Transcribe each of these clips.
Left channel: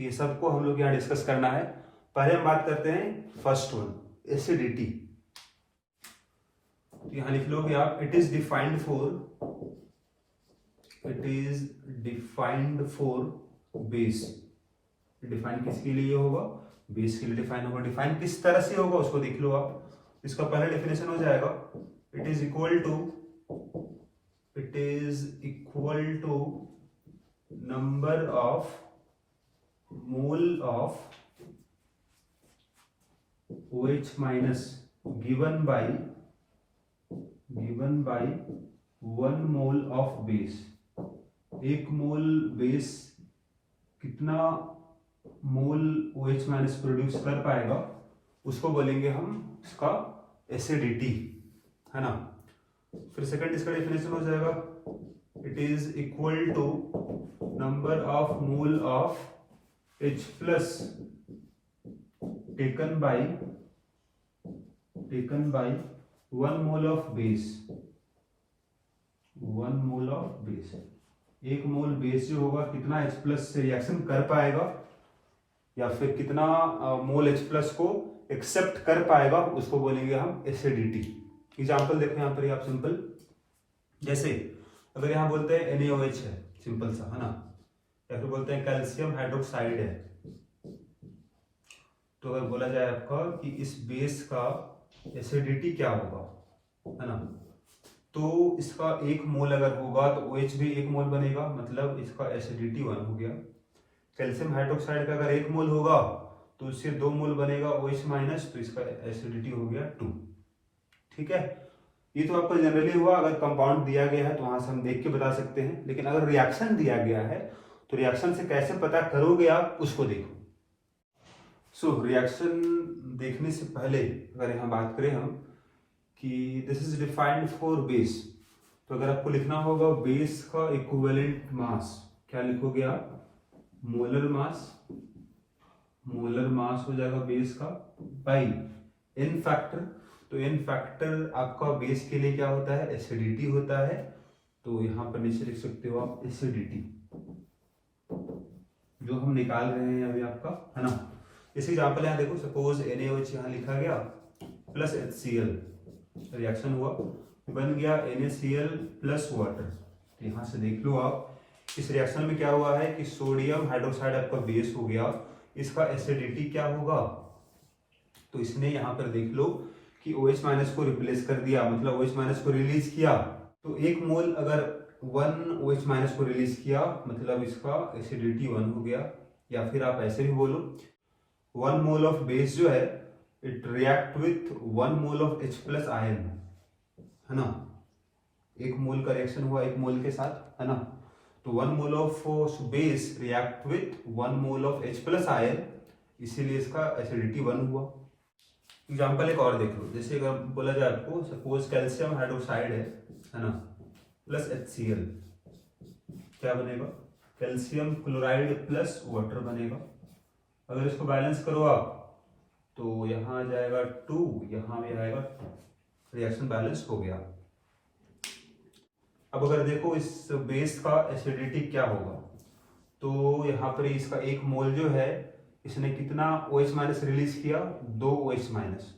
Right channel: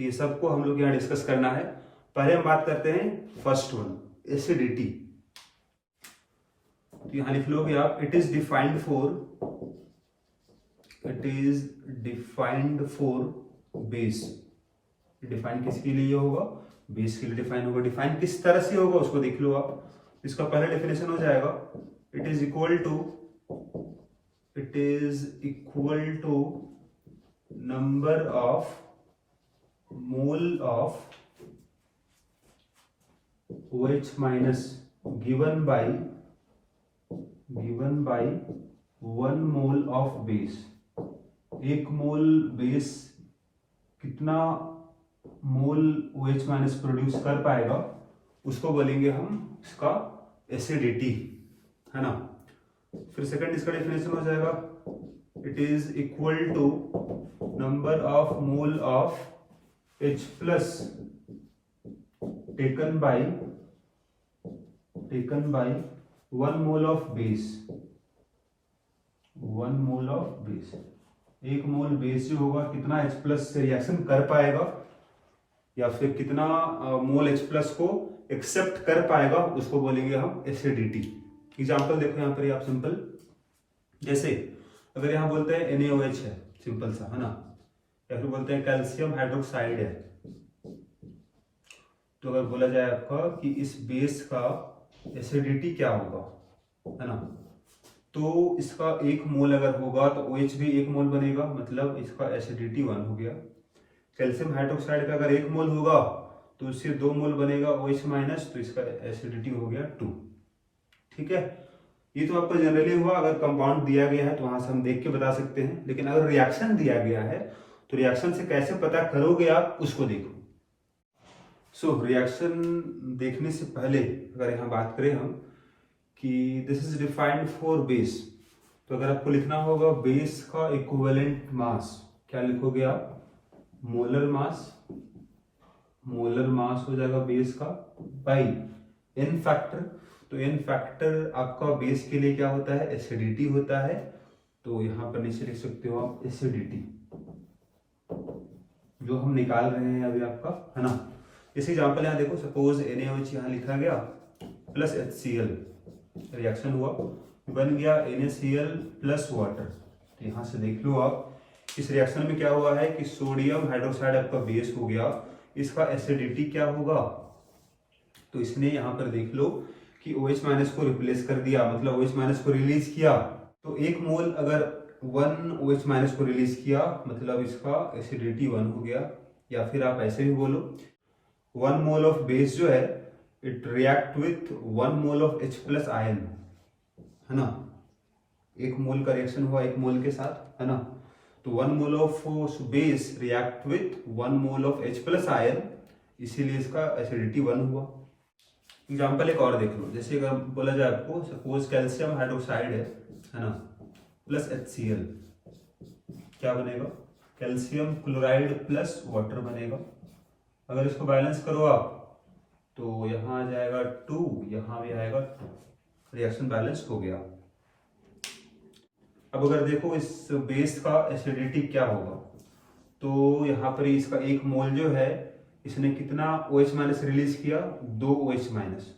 तो ये सबको हम लोग यहाँ डिस्कस करना है। पहले हम बात करते हैं फर्स्ट वन, एसिडिटी। तो यहाँ लिख लो कि आप it is defined for base. Define किसके लिए होगा? बेस के लिए डिफाइन होगा। डिफाइन किस तरह से होगा उसको देख लो आप। इसका पहला डेफिनेशन हो जाएगा it is equal to number of mole of OH minus given by 1 mole of base. एक मोल बेस कितना मोल OH माइनस प्रोड्यूस कर पाएगा उसको बोलेंगे हम इसका एसिडिटी, है ना। फिर सेकंड इसका डेफिनेशन हो जाएगा it is equal to number of mole of H plus taken by 1 mole of base. 1 mole of base, एक मोल बेस जो होगा कितना H प्लस से रिएक्शन कर पाएगा या फिर कितना मोल H प्लस को एक्सेप्ट कर पाएगा उसको बोलेंगे हम एसिडिटी। एग्जाम्पल देखो यहाँ पर आप सिंपल, जैसे अगर यहाँ बोलते हैं NaOH है, सिंपल सा, है ना, या फिर बोलते हैं कैल्शियम हाइड्रोक्साइड है। तो अगर बोला जाए आपका कि इस बेस का एसिडिटी क्या होगा, है ना, तो इसका 1 मोल अगर होगा तो OH भी 1 मोल बनेगा, मतलब इसका एसिडिटी 1 हो गया। कैल्शियम हाइड्रोक्साइड का अगर 1 मोल होगा तो इससे 2 मोल बनेगा OH माइनस, तो इसका एसिडिटी हो गया 2। ठीक है, ये तो आपको जनरली हुआ। अगर कंपाउंड दिया गया है तो वहां से हम देख के बता सकते हैं, लेकिन अगर रिएक्शन दिया गया है तो रिएक्शन से कैसे पता करोगे आप उसको देखो। सो रिएक्शन देखने से पहले अगर यहाँ बात करें हम कि this is defined for base, तो अगर आपको लिखना होगा बेस का इक्विवेलेंट मास, क्या लिखोगे आप? मोलर मास हो जाएगा बेस का बाई एन फैक्टर। तो एन फैक्टर आपका बेस के लिए क्या होता है? एसिडिटी होता है। तो यहाँ पर नीचे लिख सकते हो आप एसिडिटी, जो हम निकाल रहे हैं अभी आपका, है ना। इसी एग्जाम्पल यहाँ देखो, सपोज NaOH यहाँ लिखा गया प्लस HCl, रिएक्शन हुआ, बन गया NaCl प्लस वाटर। तो यहाँ से देख लो आप इस रिएक्शन में क्या हुआ है कि सोडियम हाइड्रोक्साइड आपका बेस हो गया, इसका एसिडिटी क्या होगा? तो इसने यहाँ पर देख लो कि OH माइनस को रिप्लेस कर दिया, मतलब OH माइनस को रिलीज किया। तो 1 मोल अगर 1 OH माइनस को रिलीज किया मतलब इसका एसिडिटी 1 हो गया। या फिर आप ऐसे भी बोलो 1 मोल ऑफ बेस जो है it react with 1 mole of H plus ion, है ना। 1 मोल का रिएक्शन हुआ 1 मोल के साथ, है ना। तो 1 mole of base react with 1 mole of H plus ion, इसीलिए इसका एसिडिटी 1 हुआ। एग्जाम्पल एक और देख लो, जैसे अगर बोला जाए आपको सपोज कैल्शियम हाइड्रोक्साइड है ना, प्लस HCl, क्या बनेगा? कैल्शियम क्लोराइड प्लस वाटर बनेगा। अगर इसको बैलेंस करो आप तो यहाँ आ जाएगा 2, यहाँ भी आएगा 2, रिएक्शन बैलेंस हो गया। अब अगर देखो इस बेस का एसिडिटी क्या होगा, तो यहाँ पर इसका 1 मोल जो है इसने कितना OH माइनस रिलीज किया? 2 OH माइनस।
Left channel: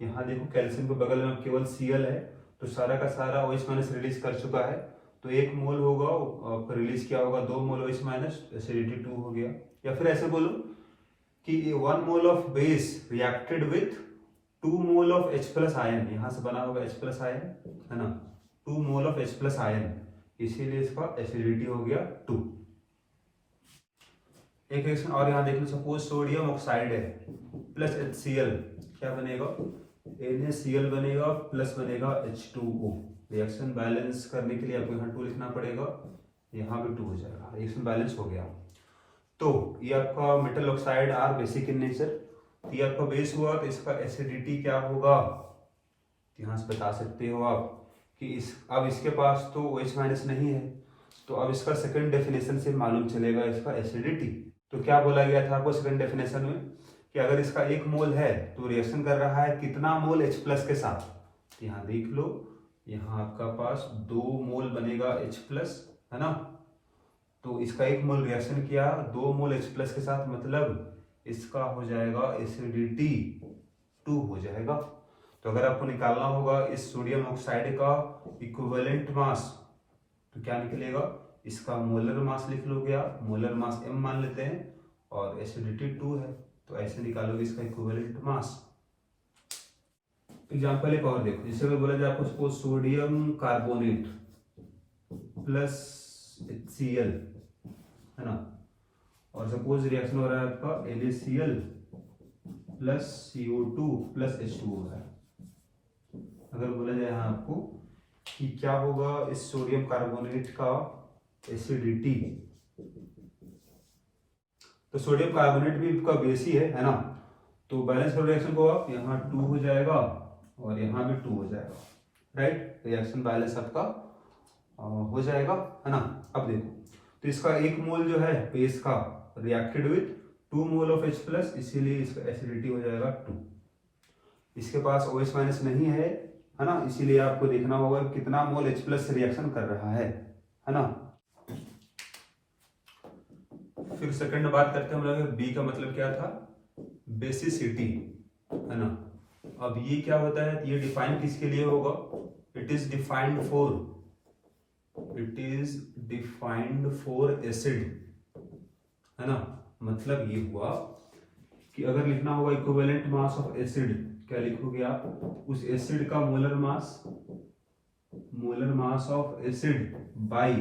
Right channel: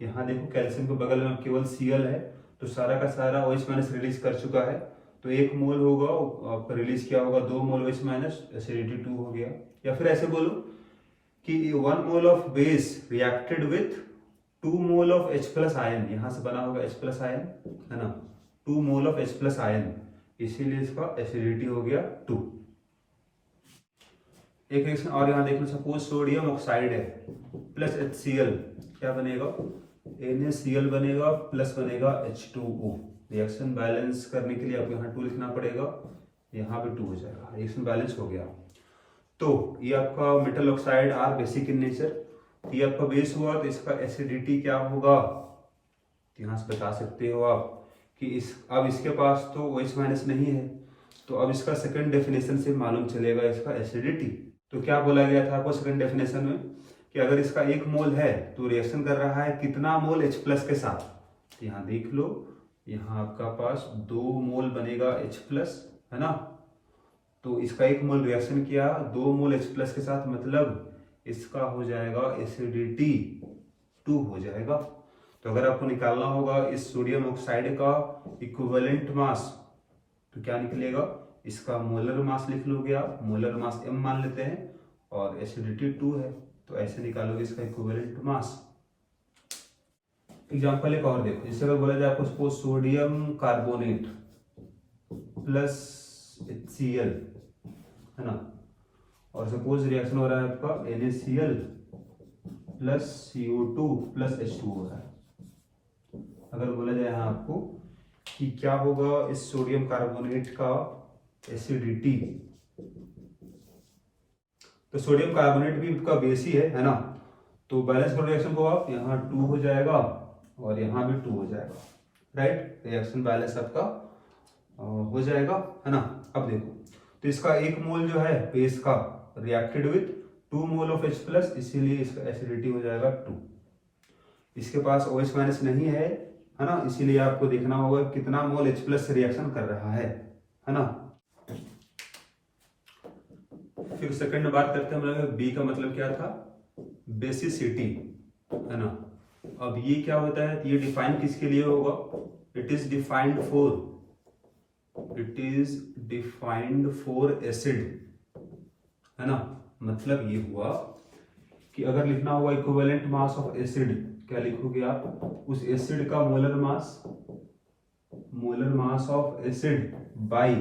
यहाँ देखो कैल्शियम के बगल में केवल Cl है, तो सारा का सारा OH माइनस रिलीज कर चुका है। तो 1 मोल होगा रिलीज किया होगा 2 मोल OH माइनस, एसिडिटी 2 हो गया। या फिर ऐसे बोलो कि 1 mole of base reacted with 2 mole of H plus ion, यहाँ से बना होगा H प्लस आयन, है ना, 2 मोल ऑफ H प्लस आयन, इसीलिए इसका एसिडिटी हो गया 2। एक रिएक्शन और यहाँ देख लो, सपोज सोडियम ऑक्साइड है प्लस HCl, क्या बनेगा? NaCl बनेगा प्लस बनेगा H2O। रिएक्शन बैलेंस करने के लिए आपको यहाँ 2 लिखना पड़ेगा, यहाँ पे 2 हो जाएगा, रिएक्शन बैलेंस हो गया। तो ये आपका metal oxide are basic in nature. ये आपका बेस हुआ तो इसका एसिडिटी क्या होगा? यहाँ से बता सकते हो आप कि अब इसके पास तो OH माइनस नहीं है, तो अब इसका सेकंड डेफिनेशन से मालूम चलेगा इसका एसिडिटी। तो क्या बोला गया था आपको सेकंड डेफिनेशन में कि अगर इसका 1 मोल है तो रिएक्शन कर रहा है कितना मोल H प्लस के साथ? तो यहाँ देख लो, यहाँ आपका पास 2 मोल बनेगा H प्लस, है ना। तो इसका 1 मोल रिएक्शन किया 2 मोल H प्लस के साथ, मतलब इसका हो जाएगा एसिडिटी 2 हो जाएगा। तो अगर आपको निकालना होगा इस सोडियम ऑक्साइड का इक्विवेलेंट मास, तो क्या निकलेगा, इसका मोलर मास लिख लोगे आप, मोलर मास m मान लेते हैं और एसिडिटी 2 है, तो ऐसे निकालोगे इसका इक्विवेलेंट मास। एग्जाम्पल एक और देखो, जैसे अगर बोला जाए आपको suppose sodium carbonate plus HCl है ना, और सपोज रिएक्शन हो रहा है आपका NaCl plus CO2 plus H2 हो रहा है। अगर बोला जाए यहाँ आपको कि क्या होगा इस सोडियम कार्बोनेट का एसिडिटी, तो सोडियम कार्बोनेट भी आपका बेस ही है ना, तो बैलेंस रिएक्शन को आप यहाँ 2 हो जाएगा और यहाँ भी 2 हो जाएगा, राइट, रिएक्शन बैलेंस आपका हो जाएगा, है ना। अब देखो, तो इसका 1 मोल जो है बेस का reacted with 2 mole of H plus, इसीलिए इसका एसिडिटी हो जाएगा 2। इसके पास OH माइनस नहीं है ना, इसीलिए आपको देखना होगा कितना मोल H प्लस रिएक्शन कर रहा है ना। फिर सेकंड बात करते हैं हम लोग, बी का मतलब क्या था, बेसिसिटी, है ना। अब ये क्या होता है, ये डिफाइन किसके लिए होगा, it is defined for acid, है ना। मतलब ये हुआ कि अगर लिखना होगा इक्विवेलेंट मास ऑफ एसिड, क्या लिखोगे आप, उस एसिड का molar mass of acid by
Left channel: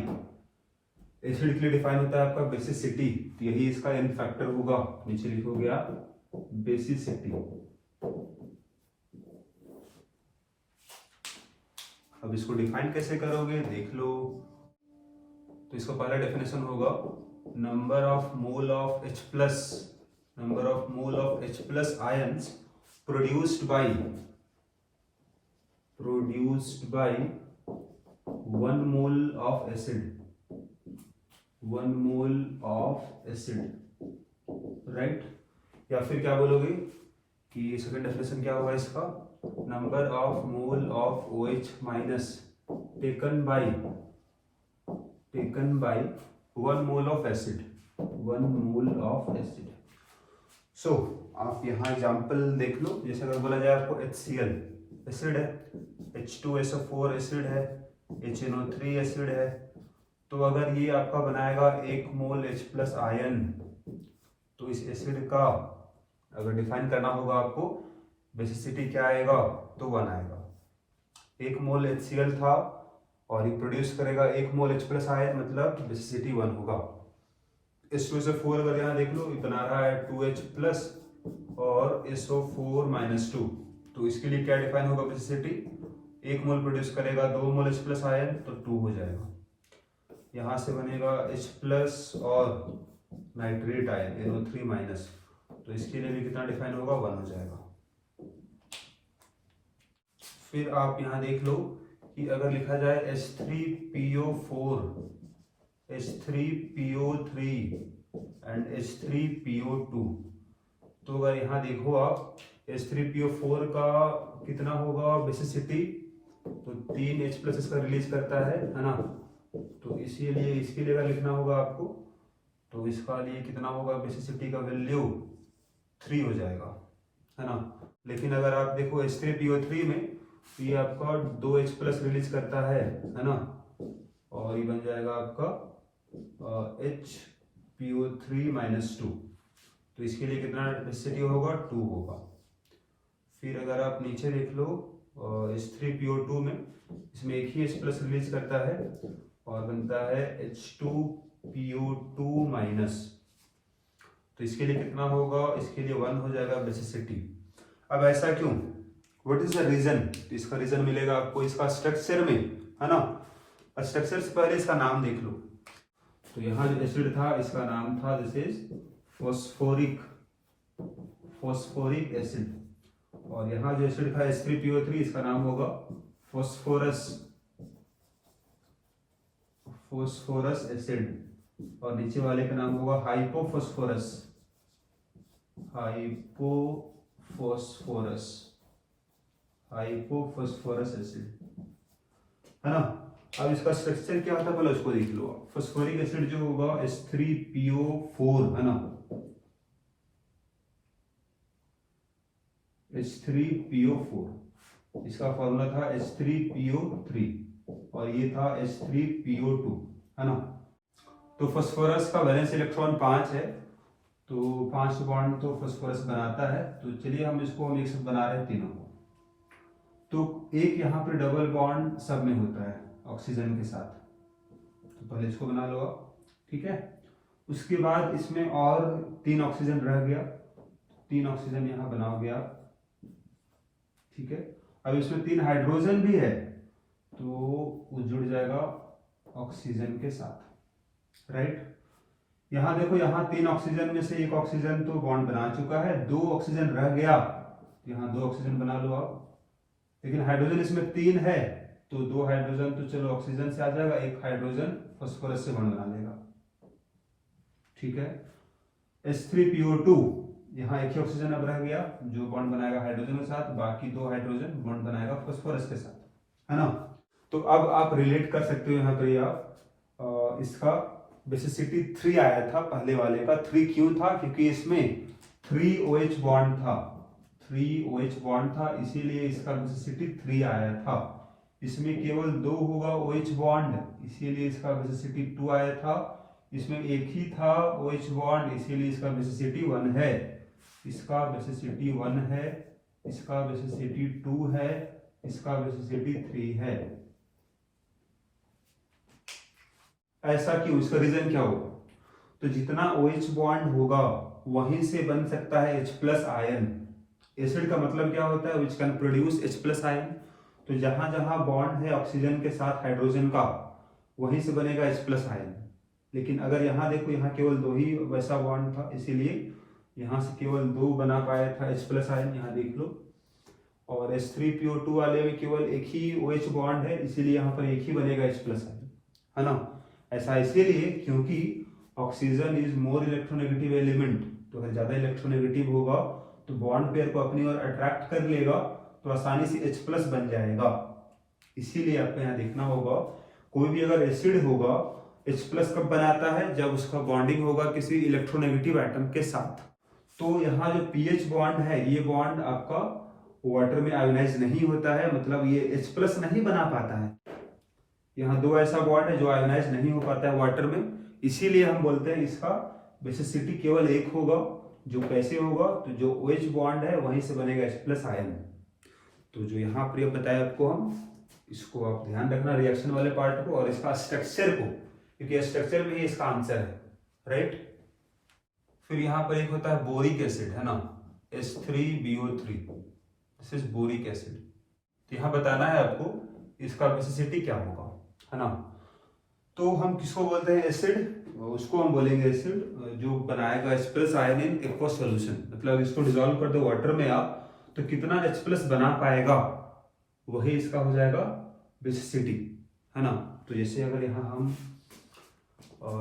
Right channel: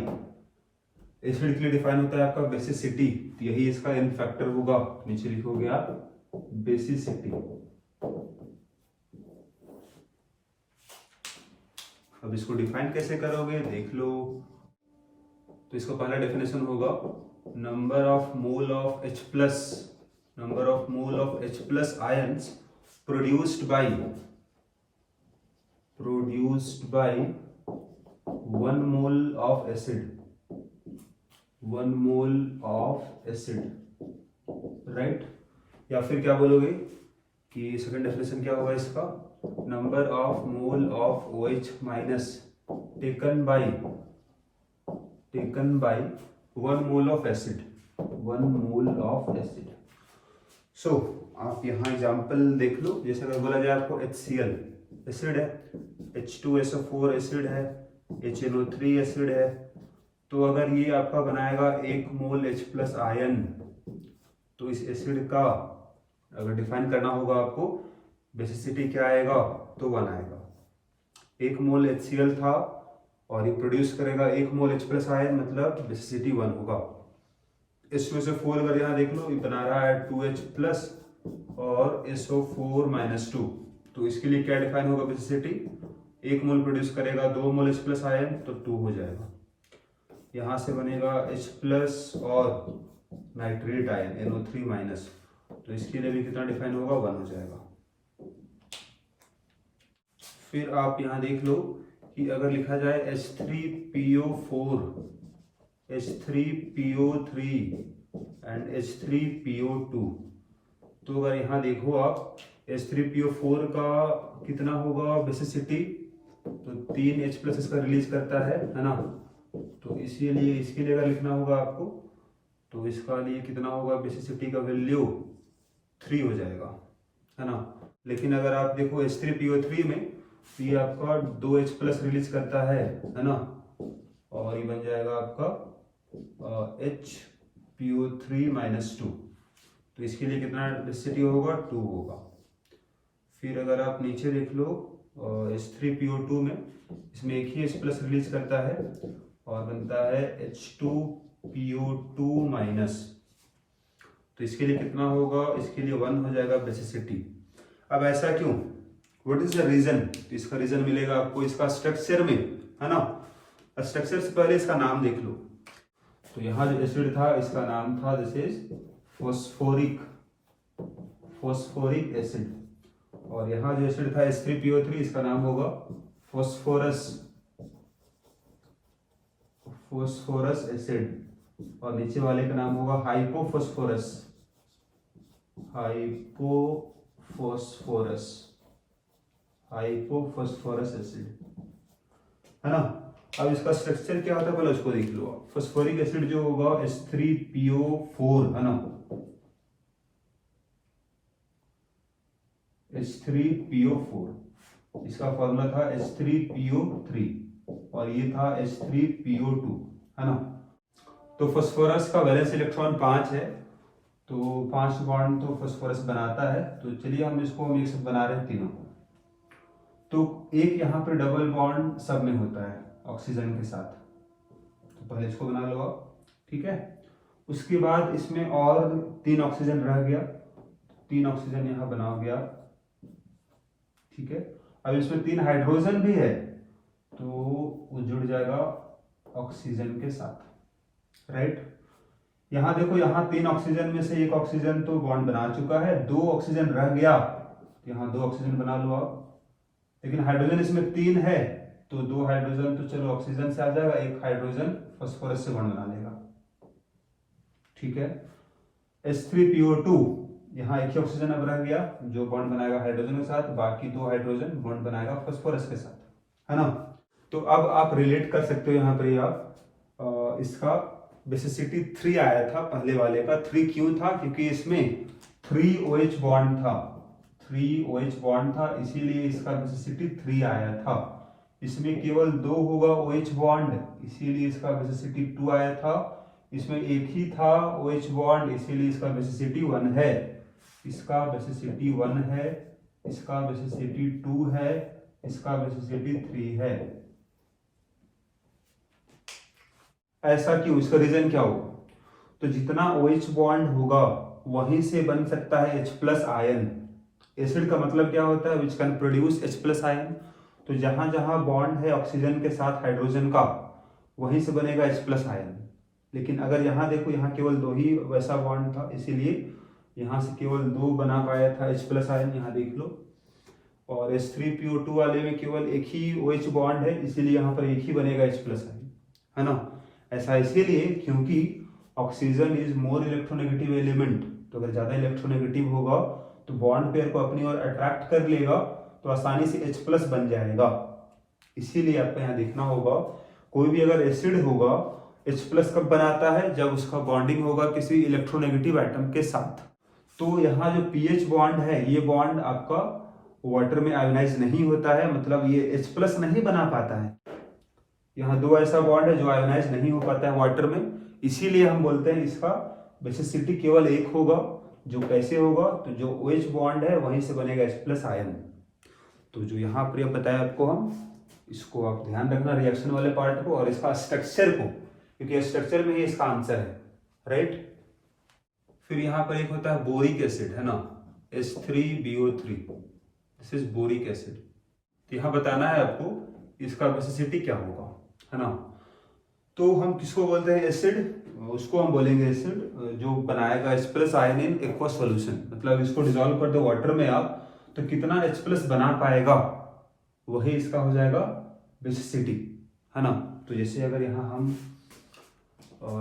acid के लिए डिफाइन होता है आपका बेसिसिटी, तो यही इसका एन फैक्टर होगा, नीचे लिखोगे आप बेसिसिटी। अब इसको डिफाइन कैसे करोगे देख लो, तो इसका पहला डेफिनेशन होगा number of mole of H plus ions produced by 1 mole of acid, right. या फिर क्या बोलोगे कि सेकंड डेफिनेशन क्या होगा इसका, number of mole of OH minus taken by 1 mole of acid. So आप यहाँ एग्जांपल देख लो, जैसे अगर बोला जाए आपको HCl एसिड है, H2SO4 एसिड है, HNO3 एसिड है, तो अगर ये आपका बनाएगा 1 मोल H प्लस आयन, तो इस एसिड का अगर डिफाइन करना होगा आपको बेसिसिटी क्या आएगा, तो 1 आएगा। 1 मोल HCl था और ये प्रोड्यूस करेगा 1 मोल H प्लस आयन, मतलब बेसिसिटी 1 होगा। H2SO4 अगर यहाँ देख लो, ये बना रहा है 2H प्लस और SO4 माइनस 2, तो इसके लिए क्या डिफाइन होगा बेसिसिटी, 1 मोल प्रोड्यूस करेगा 2 मोल H प्लस आयन, तो 2 हो जाएगा। यहाँ से बनेगा H प्लस और नाइट्रेट आयन NO3 माइनस, तो इसके लिए भी कितना डिफाइन होगा, 1 हो जाएगा। फिर आप यहाँ देख लो कि अगर लिखा जाए H3PO3 एंड H3PO2, तो अगर यहाँ देखो आप H3PO4 का कितना होगा बेसिसिटी, तो 3 H प्लस इसका रिलीज करता है ना, तो इसीलिए इसके लिए अगर लिखना होगा आपको, तो इसका लिए कितना होगा बेसिसिटी का वैल्यू 3 हो जाएगा, है ना। लेकिन अगर आप देखो H3PO3 में, तो ये आपका 2H प्लस रिलीज करता है ना, और ये बन जाएगा आपका HPO3 माइनस 2, तो इसके लिए कितना बेसिसिटी होगा, 2 होगा। फिर अगर आप नीचे देख लो H3PO2 में, इसमें एक ही H प्लस रिलीज करता है और बनता है H2PO2 माइनस, तो इसके लिए कितना होगा, इसके लिए 1 हो जाएगा बेसिसिटी। अब ऐसा क्यों, व्हाट इज द रीजन, तो इसका रीजन मिलेगा आपको इसका स्ट्रक्चर में, है ना। स्ट्रक्चर से पहले इसका नाम देख लो, तो यहाँ जो एसिड था इसका नाम था दिस इज फॉस्फोरिक एसिड, और यहाँ जो एसिड था H3PO3 इसका नाम होगा फॉस्फोरस एसिड, और नीचे वाले का नाम होगा हाइपोफॉस्फोरस एसिड, है ना। अब इसका स्ट्रक्चर क्या होता है पहले उसको देख लो। फॉस्फोरिक एसिड जो होगा H3PO4 है ना, H3PO4, इसका फॉर्मूला था H3PO3 और ये था H3PO2 है ना। तो फास्फोरस का वैलेंस इलेक्ट्रॉन 5 है, तो 5 बॉन्ड तो फास्फोरस बनाता है। तो चलिए हम इसको एक साथ बना रहे हैं तीनों। तो एक यहाँ पे डबल बॉन्ड सब में होता है ऑक्सीजन के साथ, तो पहले इसको बना लो आप, ठीक है। उसके बाद इसमें और 3 ऑक्सीजन रह गया, 3 ऑक्सीजन यहाँ बनाओगे आप, ठीक है। अब इसमें 3 हाइड्रोजन भी है, तो वो जुड़ जाएगा ऑक्सीजन के साथ, राइट। यहाँ देखो, यहाँ 3 ऑक्सीजन में से 1 ऑक्सीजन तो बॉन्ड बना चुका है, 2 ऑक्सीजन रह गया, यहाँ 2 ऑक्सीजन बना लो आप। लेकिन हाइड्रोजन इसमें 3 है, तो 2 हाइड्रोजन तो चलो ऑक्सीजन से आ जाएगा, 1 हाइड्रोजन फास्फोरस से बॉन्ड बना लेगा, ठीक है। H3PO2, यहाँ 1 ही ऑक्सीजन अब रह गया जो बॉन्ड बनाएगा हाइड्रोजन के साथ, बाकी 2 हाइड्रोजन बॉन्ड बनाएगा फास्फोरस के साथ, है ना। तो अब आप रिलेट कर सकते हो यहाँ पे, आप इसका बेसिसिटी 3 आया था पहले वाले का। 3 क्यों था? क्योंकि इसमें 3 OH बॉन्ड था, 3 OH बॉन्ड था, इसीलिए इसका बेसिसिटी 3 आया था। इसमें केवल 2 होगा OH बॉन्ड, इसीलिए इसका बेसिसिटी 2 आया था। इसमें एक ही था OH बॉन्ड, इसीलिए इसका बेसिसिटी 1 है। इसका बेसिसिटी 1 है, इसका बेसिसिटी 2 है, इसका बेसिसिटी 3 है। ऐसा क्यों? इसका रीजन क्या होगा? तो जितना OH बॉन्ड होगा वहीं से बन सकता है H+ आयन। एसिड का मतलब क्या होता है? Which can produce H+ ion. तो जहां जहां बॉन्ड है ऑक्सीजन के साथ हाइड्रोजन का, वहीं से बनेगा H+ आयन। लेकिन अगर यहाँ देखो, यहाँ केवल 2 ही वैसा बॉन्ड था, इसीलिए यहाँ से केवल 2 बना पाया था H+ आयन, यहाँ देख लो। और H3PO2 वाले में केवल 1 ही OH बॉन्ड है, इसीलिए यहाँ पर 1 ही बनेगा H+ आयन, है ना। ऐसा इसीलिए क्योंकि oxygen is more electronegative element. तो अगर ज्यादा इलेक्ट्रोनेगेटिव होगा तो बॉन्ड पेयर को अपनी ओर अट्रैक्ट कर लेगा, तो आसानी से H+ बन जाएगा। इसीलिए आपको यहाँ देखना होगा, कोई भी अगर एसिड होगा H+ कब बनाता है? जब उसका बॉन्डिंग होगा किसी इलेक्ट्रोनेगेटिव एटम के साथ। तो यहाँ जो पीएच बॉन्ड है, ये बॉन्ड आपका वाटर में आयोनाइज नहीं होता है, मतलब ये H+ नहीं बना पाता है। यहाँ 2 ऐसा बॉन्ड है जो आयोनाइज नहीं हो पाता है वाटर में, इसीलिए हम बोलते हैं इसका बेसिसिटी केवल 1 होगा। जो कैसे होगा? तो जो OH बॉन्ड है वहीं से बनेगा H+ आयन। तो जो यहाँ पर बताया आपको, हम इसको आप ध्यान रखना, रिएक्शन वाले पार्ट को और इसका स्ट्रक्चर को, क्योंकि स्ट्रक्चर में ही इसका आंसर है, राइट। फिर यहाँ पर एक होता है बोरिक एसिड, है ना, H3BO3, this is boric acid. तो यहाँ बताना है आपको इसका बेसिसिटी क्या होगा, है ना। तो हम किसको बोलते हैं? एसिड। उसको हम बोलेंगे एसिड जो बनाएगा H+ ion in aqueous solution. मतलब इसको डिसॉल्व कर दो वाटर में आप, तो कितना H+ बना पाएगा, वही इसका हो जाएगा बेसिसिटी, है ना। तो जैसे अगर यहाँ हम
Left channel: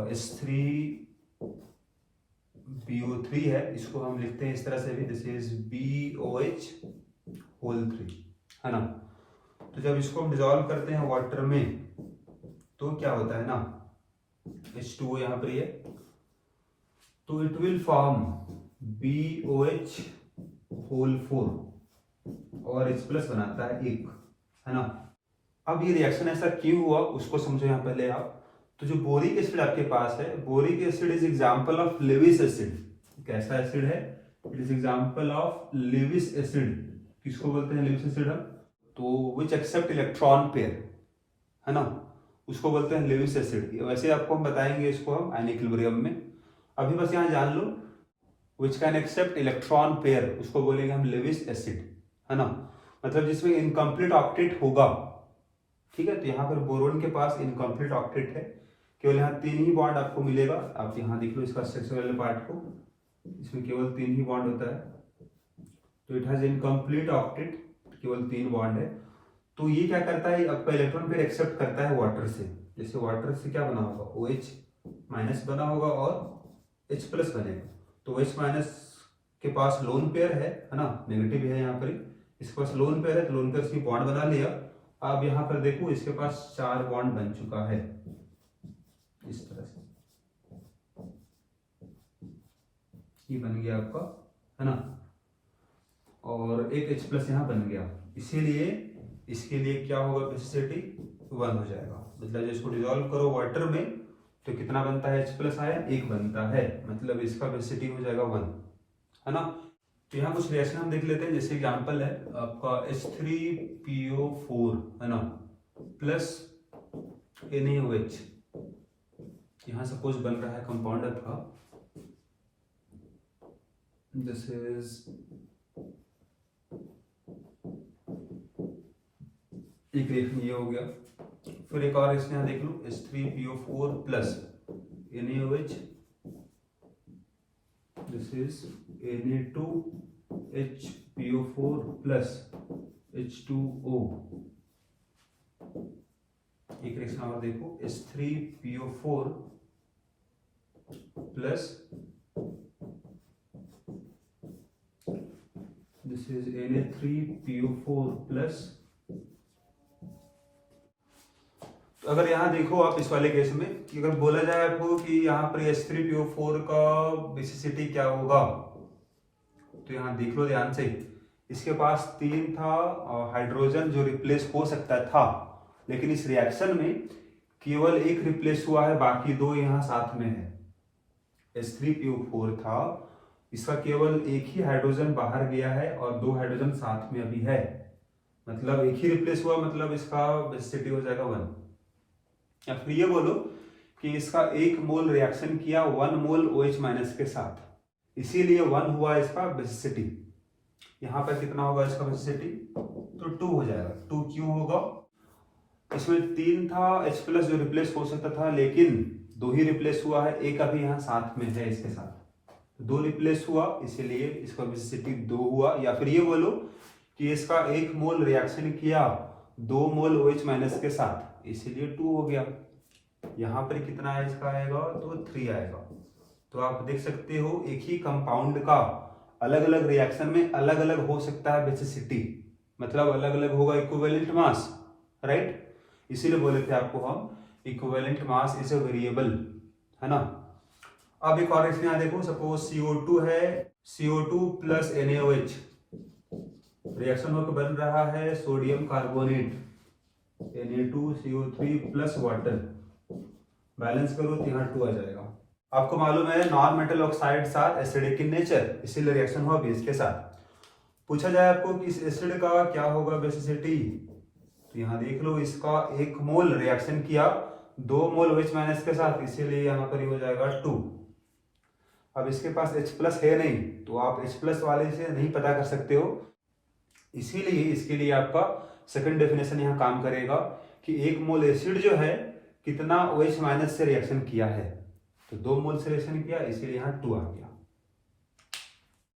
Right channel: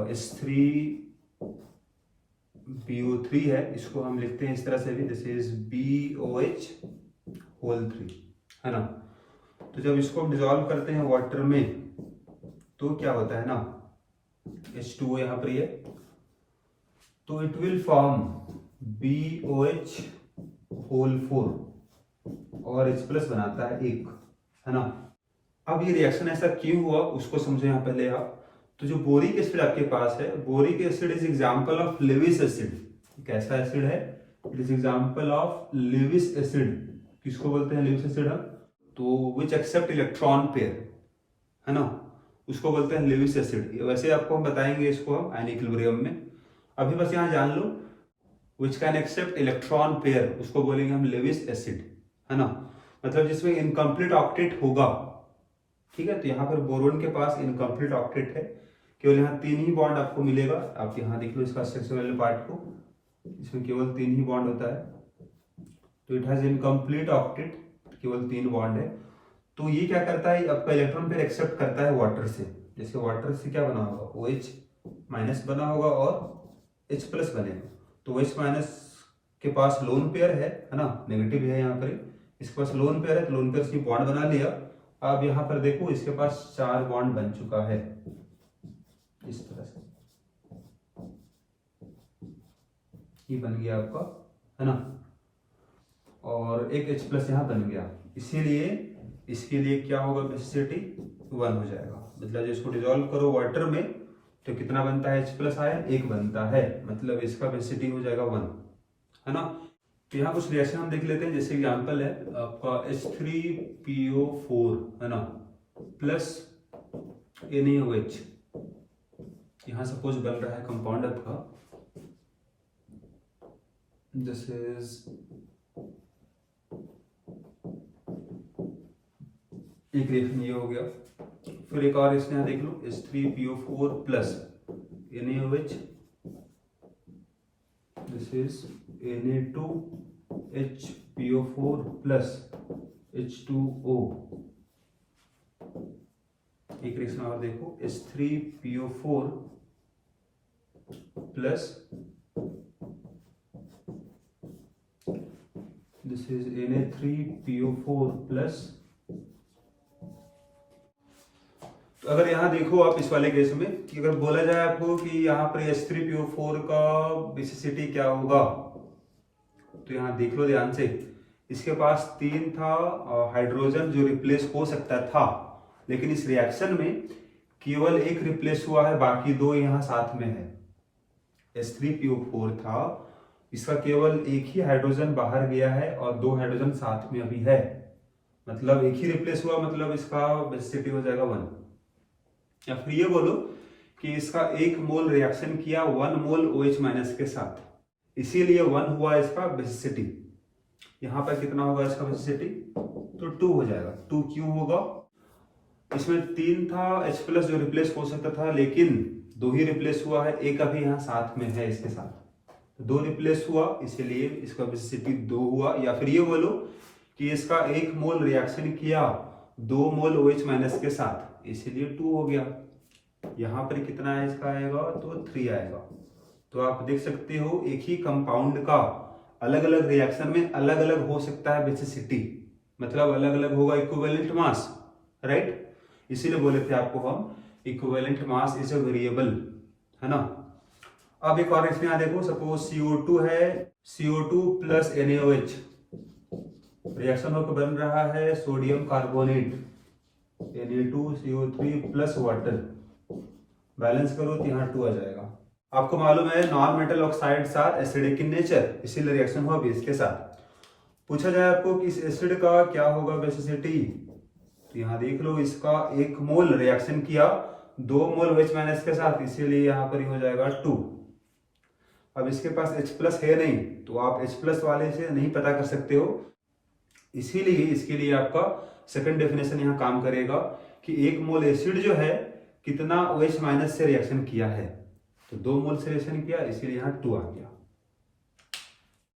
H3PO3 है, इसको हम लिखते हैं इस तरह से भी, दिस इज BOH3, है ना। तो जब इसको हम डिसॉल्व करते हैं वाटर में, तो क्या होता है ना, H2O यहाँ पर है, तो इट विल फॉर्म BOH4 और H+ बनाता है 1, है ना। अब ये रिएक्शन ऐसा क्यों हुआ उसको समझो यहाँ पहले आप। तो जो बोरिक एसिड आपके पास है, boric acid is example of Lewis acid. कैसा एसिड है? It is example of Lewis acid. किसको बोलते हैं लेविस एसिड? तो विच एक्सेप्ट इलेक्ट्रॉन पेयर, है ना, उसको बोलते हैं लेविस एसिड। वैसे आपको हम बताएंगे इसको हम आयन इक्विलिब्रियम में। अभी बस यहाँ जान लो, which can accept electron pair, उसको बोलेंगे हम लेविस एसिड, है ना। मतलब जिसमें इनकम्प्लीट ऑक्टेट होगा, ठीक है। तो यहाँ पर बोरोन के पास इनकम्प्लीट ऑक्टेट है, केवल यहाँ 3 ही बॉन्ड आपको मिलेगा। आप यहाँ देख लो इसका स्ट्रक्चर वाले पार्ट को, इसमें केवल 3 ही बॉन्ड होता है। तो इट हैज इनकम्प्लीट ऑक्टेट, केवल 3 बॉन्ड है। तो ये क्या करता है? आपका इलेक्ट्रॉन पेयर एक्सेप्ट करता है वाटर से। जैसे वाटर से क्या बना होगा? OH- बना होगा और H+ बनेगा। तो OH- के पास लोन पेयर है ना, नेगेटिव है यहाँ पर, इसके पास लोन पेयर है, तो लोन पेयर से बॉन्ड बना लिया अब यहाँ पर देखो इसके पास 4 बॉन्ड बन चुका है इस तरह से, ये बन गया आपका, है ना, और एक H+ यहाँ बन गया। इसीलिए इसके लिए क्या होगा, बेसिसिटी 1 हो जाएगा। मतलब जब इसको डिजोल्व करो वाटर में तो कितना बनता है, H+ आयन 1 बनता है, मतलब इसका बेसिसिटी हो जाएगा 1, है ना। तो यहाँ कुछ रिएक्शन हम देख लेते हैं। जैसे एग्जांपल है आपका H3PO4, है ना, प्लस NaOH। यहाँ सपोज बन रहा है कंपाउंड आपका, दिस इज एक रिएक्शन ये हो गया। फिर एक और इसमें देख लो, H3PO4 plus NaOH, this is Na2HPO4 plus H2O। एक रिएक्शन और देखो, H3PO4 plus this is Na3PO4 plus. तो अगर यहाँ देखो आप इस वाले केस में कि अगर बोला जाए आपको कि यहाँ पर H3PO4 का बेसिसिटी क्या होगा, तो यहाँ देख लो ध्यान से, इसके पास 3 था हाइड्रोजन जो रिप्लेस हो सकता था, लेकिन इस रिएक्शन में केवल एक रिप्लेस हुआ है, बाकी 2 यहाँ साथ में है। H3PO4 था, इसका केवल एक ही हाइड्रोजन बाहर गया है और 2 हाइड्रोजन साथ में अभी है, मतलब एक ही रिप्लेस हुआ, मतलब इसका बेसिसिटी हो जाएगा 1। या फिर ये बोलो कि इसका 1 मोल रिएक्शन किया 1 मोल OH- के साथ, इसीलिए 1 हुआ इसका बेसिसिटी। यहाँ पर कितना होगा इसका बेसिसिटी, तो 2 हो जाएगा। 2 क्यों होगा, इसमें 3 था H+ जो रिप्लेस हो सकता था, लेकिन 2 ही रिप्लेस हुआ है, एक अभी यहाँ साथ में है इसके साथ, तो 2 रिप्लेस हुआ, इसीलिए इसका बेसिसिटी 2 हुआ। या फिर ये बोलो कि इसका 1 मोल रिएक्शन किया 2 मोल OH- के साथ, इसीलिए 2 हो गया। यहाँ पर कितना है इसका आएगा, तो 3 आएगा। तो आप देख सकते हो एक ही कंपाउंड का अलग अलग रिएक्शन में अलग अलग हो सकता है बेसिसिटी, मतलब अलग अलग होगा इक्विवेलेंट मास, राइट। इसीलिए बोले थे आपको हम equivalent mass is a variable, है ना। अब एक और इसमें देखो, सपोज CO2 है, CO2 प्लस NaOH रिएक्शन होकर बन रहा है sodium carbonate, Na2CO3 plus water, balance करो तो यहाँ 2 आ जाएगा। आपको मालूम है non metal oxides are acidic in nature, इसीलिए रिएक्शन हुआ बेस के साथ। पूछा जाए आपको कि इस एसिड का क्या होगा बेसिसिटी, तो यहाँ देख लो, इसका 1 मोल रिएक्शन किया 2 मोल OH- के साथ, इसीलिए यहाँ पर हो जाएगा 2। अब इसके पास H+ है नहीं, तो आप H+ वाले से नहीं पता कर सकते हो, इसीलिए इसके लिए आपका सेकंड डेफिनेशन यहाँ काम करेगा कि 1 मोल एसिड जो है कितना OH- से रिएक्शन किया है, तो 2 मोल से रिएक्शन किया, इसीलिए यहाँ 2 आ गया।